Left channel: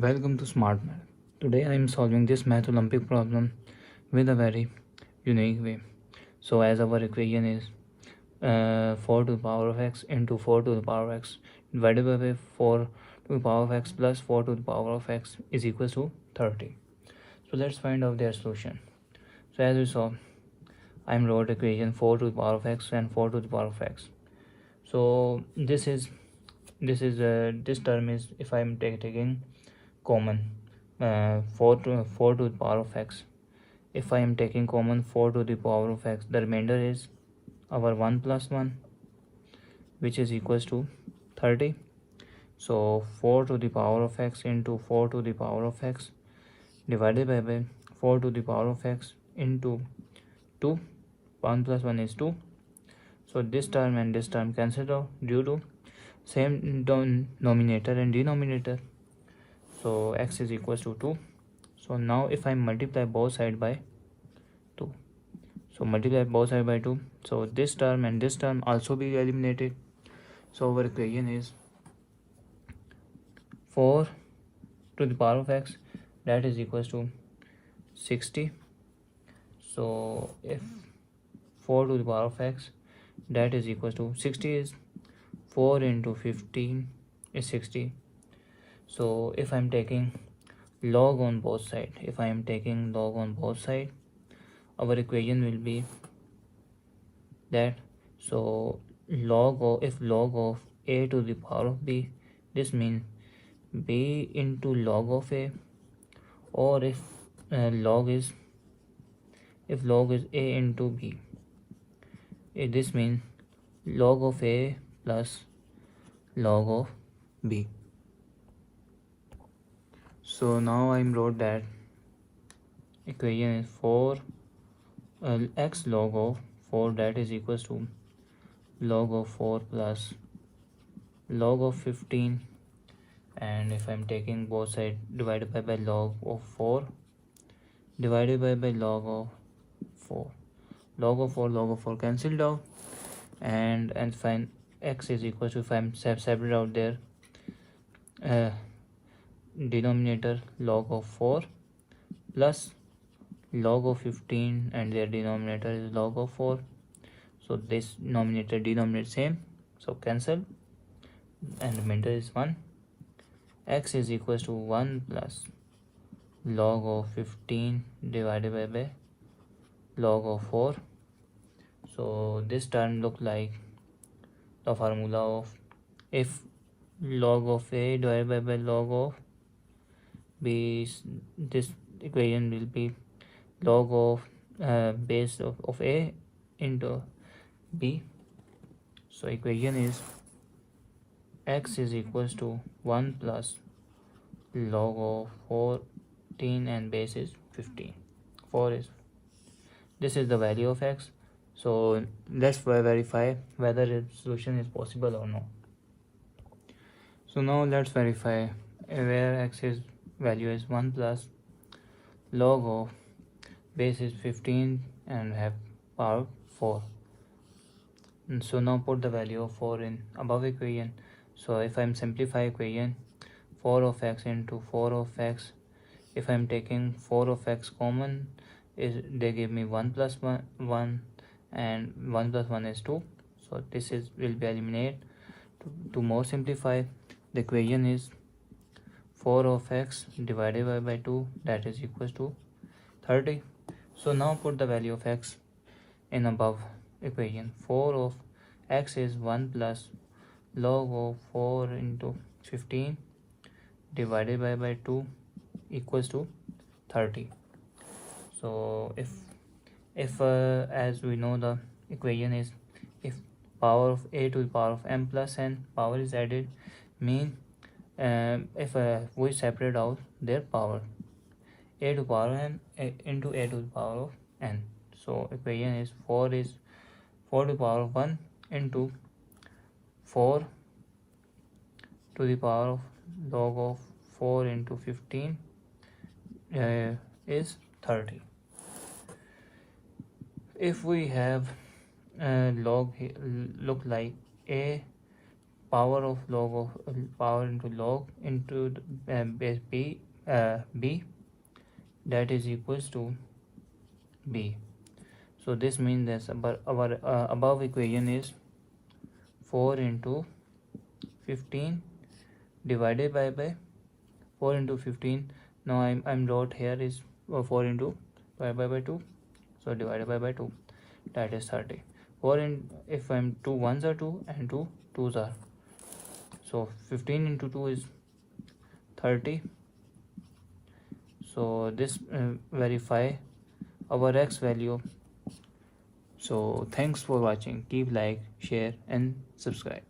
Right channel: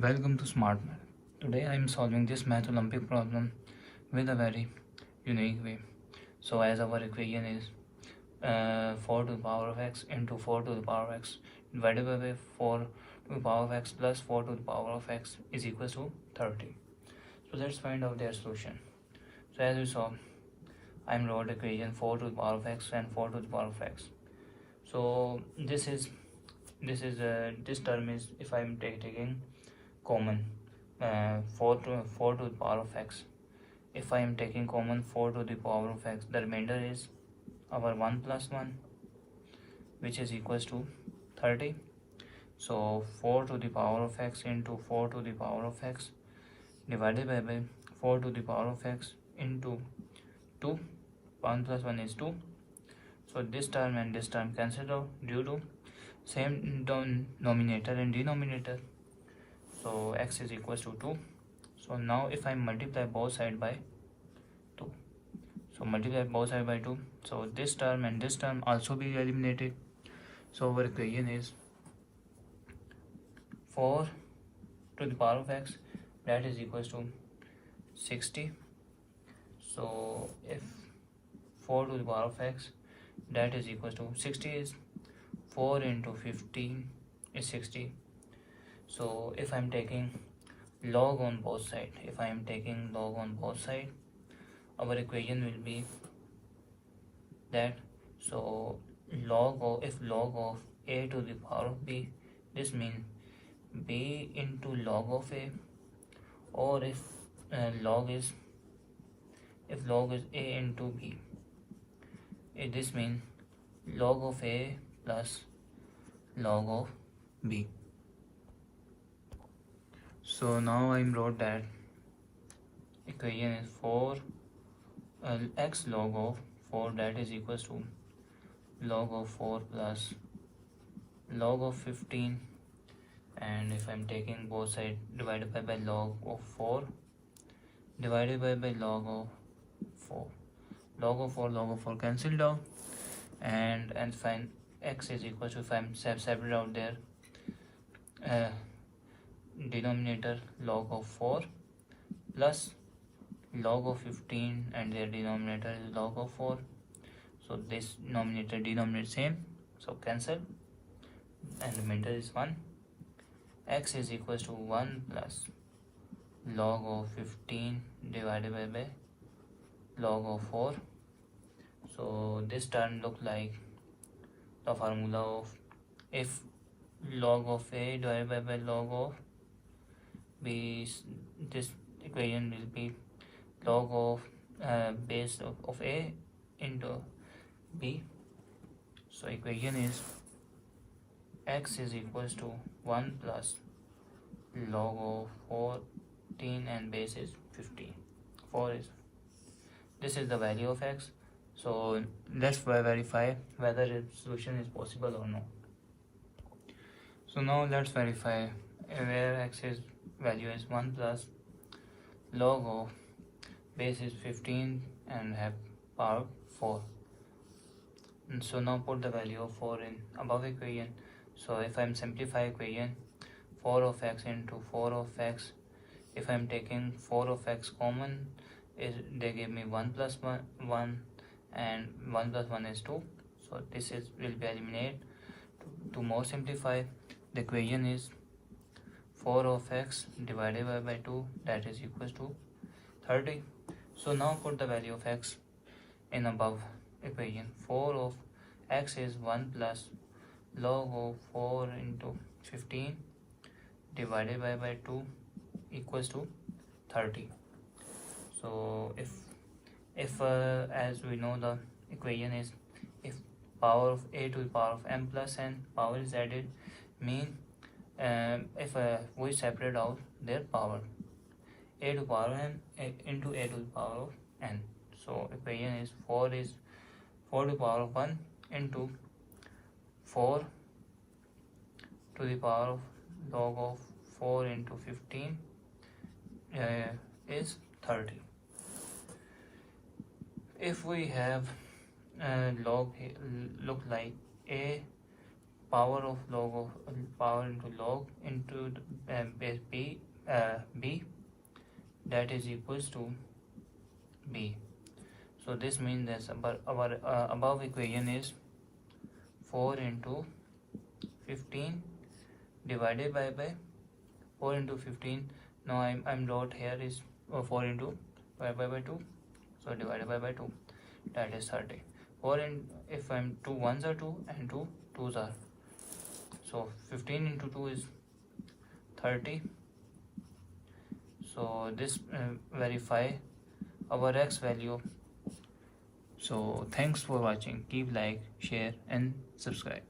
Welcome to Smart Math. Today I am solving this math Olympic problem with a very unique way. So as our equation is 4 to the power of x into 4 to the power of x divided by 4 to the power of x plus 4 to the power of x is equal to 30. So let's find out their solution. So as we saw, I am wrote equation 4 to the power of x and 4 to the power of x. So this term is, if I am taking common 4 to the power of x, if I am taking common 4 to the power of x, the remainder is our 1 plus 1, which is equals to 30. So 4 to the power of x into 4 to the power of x divided by 4 to the power of x into 2. 1 plus 1 is 2. So this term and this term cancel out due to same denominator and denominator. So x is equals to 2. So now if I multiply both sides by 2, so multiply both sides by 2, so this term and this term also be eliminated. So our equation is 4 to the power of x, that is equals to 60. So if 4 to the power of x, that is equals to 60 is 4 into 15 is 60. So if I'm taking log on both sides, our equation will be that. So log of a to the power of b, this means b into log of a, or if log is a into b, this means log of a plus log of b. So now I wrote that equation is 4 x log of 4, that is equals to log of 4 plus log of 15, and if I'm taking both sides, divided by log of 4 divided by log of 4. Log of 4 cancelled out, and find x is equal to, if I'm separate out there, denominator log of 4 plus log of 15, and their denominator is log of 4. So this denominator same, so cancel, and remainder is 1. X is equals to 1 plus log of 15 divided by log of 4. So this term look like the formula of, if log of a divided by log of b, this equation will be log of base of a into b. So equation is x is equals to 1 plus log of 14 and base is 15. 4 is, this is the value of x. So let's verify whether its solution is possible or not. So now let's verify where x is value is 1 plus log of base is 15 and have power 4. And so now put the value of 4 in above equation. So if I'm simplify equation, 4 of x into 4 of x, if I'm taking 4 of x common, they give me 1 plus 1, and 1 plus 1 is 2. So this will be eliminated. To more simplify, the equation is 4 of x divided by 2, that is equals to 30. So now put the value of x in above equation. 4 of x is 1 plus log of 4 into 15 divided by 2 equals to 30. So if as we know, the equation is, if power of a to the power of m plus n power is added, mean if we separate out their power, a to the power of m into a to the power of n. So equation is 4 to the power of 1 into 4 to the power of log of 4 into 15 is 30. If we have log look like a power of log of power into log into base b, that is equals to b. So this means that our above equation is 4 into 15 divided by 4 into 15. Now I'm wrote here is 4 into divided by 2, so divided by 2, that is 30. 4 in, if I'm 2 ones are 2 and 2 2s are, so 15 into 2 is 30. So this verify our x value. So thanks for watching. Keep like, share and subscribe.